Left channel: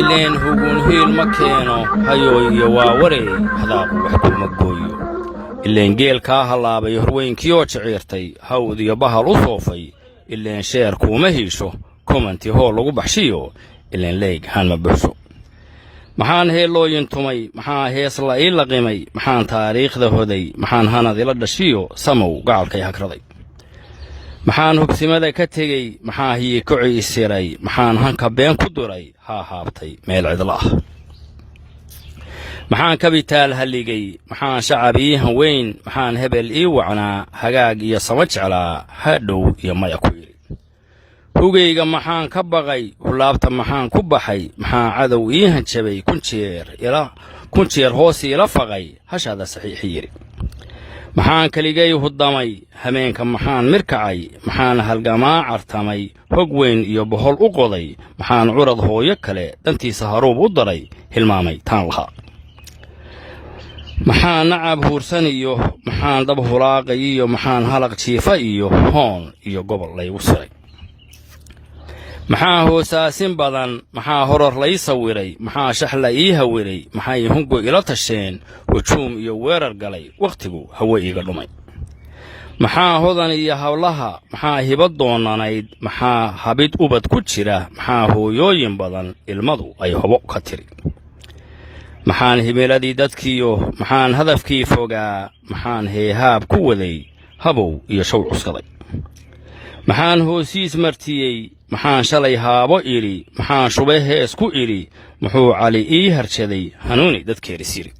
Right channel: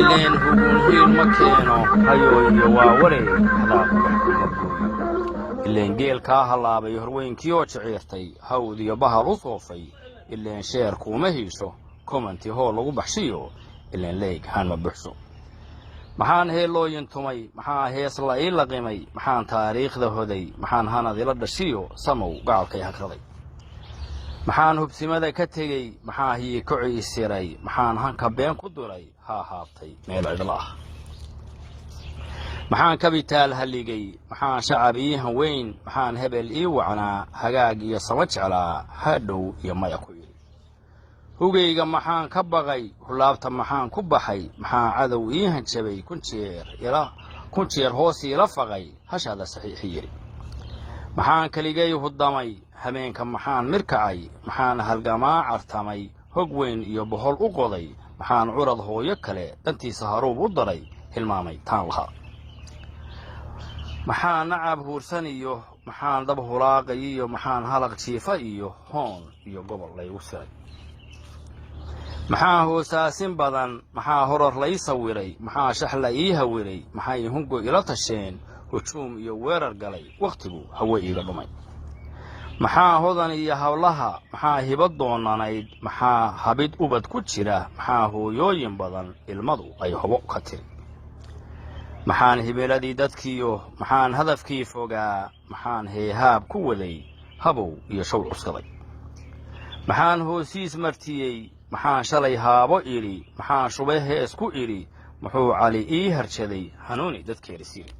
ileen hugun hiil ma keeno hayooyo waa warey hadaaqu baxduu ma gooyo ileen geelkaa hallaabay horweynkiyoo jiciirtay hawdiyo bahal u soofay ileen sheer kuuma hiisho kumanti hool lagu baxshiyo ileen leeg haan ma buxso maxaan heellooyin tumay maxaa hees la ii laqimay maxaan taariikhda hoday maxaan hanad ila dhashiyo samow gacalkay hagraday maxaan hubsimada ka tegey maxaa hiikoci isiray maxaan hanka been ku duray haa haabtay meel cidla ah maxaan kabitaal halligay maxaan shacab ii hanweyn maxaan hebel ii wacnaa hagaag iyo sama jeclaa hadhow iyo maya ku yidhi hugayga maxaan ka baqay hulaabta maxaan ku baxay maxaa cadow ii hanjabay kun jeer hoos iila faqay hashaada saxiixi yidhi maxaan keligay huddamay hameenka maxaan mirkacay maxaan halgamaa cartamay hog weyn iyo bohol u qoday maxaan curad hooyo kale dantiisa haruub u daray hilmaamay taan lahaa maxaan nacab huursan iyo maxaan dab hulaaqay iyo maxaan halaq jiifa iyo hoon iyo gobol laygu siray maxaa hoosaasin badan maxaa horor lay sawiray maxaa shaxla ii hawiray maxay hungo ila tasheen hujuum iyo weerar galay wakhtigu hawe iiga dhumay maxaa hodan iyo hawlaha maxaa hibad doonanayd maxaa habid ubad ku jira maxaa hooyooyin badan ilmadu ay hobo ka tiri maxaan himiladii dadkiyo maxaan hadafkii fogaa maxaan heehaab ku waday habow iyo show cuskaday maxaan hoosiis martiyey maxaan shalay haabo idhi maxaan shube hees ku idhi muxuu cali ii harshaday hanuuni dadkeeris yidhi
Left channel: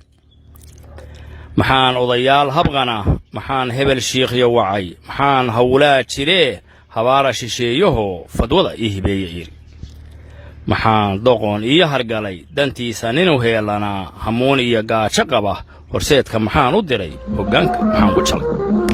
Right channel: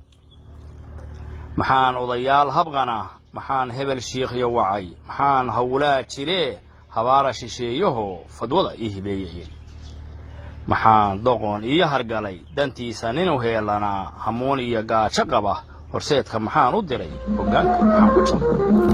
maxaan odayaal habqana maxaan hebel shiikhyo wacay maxaan hawlaa jiree habaara shisheeyahoo fadwada ii hibeeye yidhi maxaan doqon ii hargalay dantiisa ninu heelanaa hamuun iyo gaajo qaba horseedka maxaan u diray hoggaanka maxaan ku jalay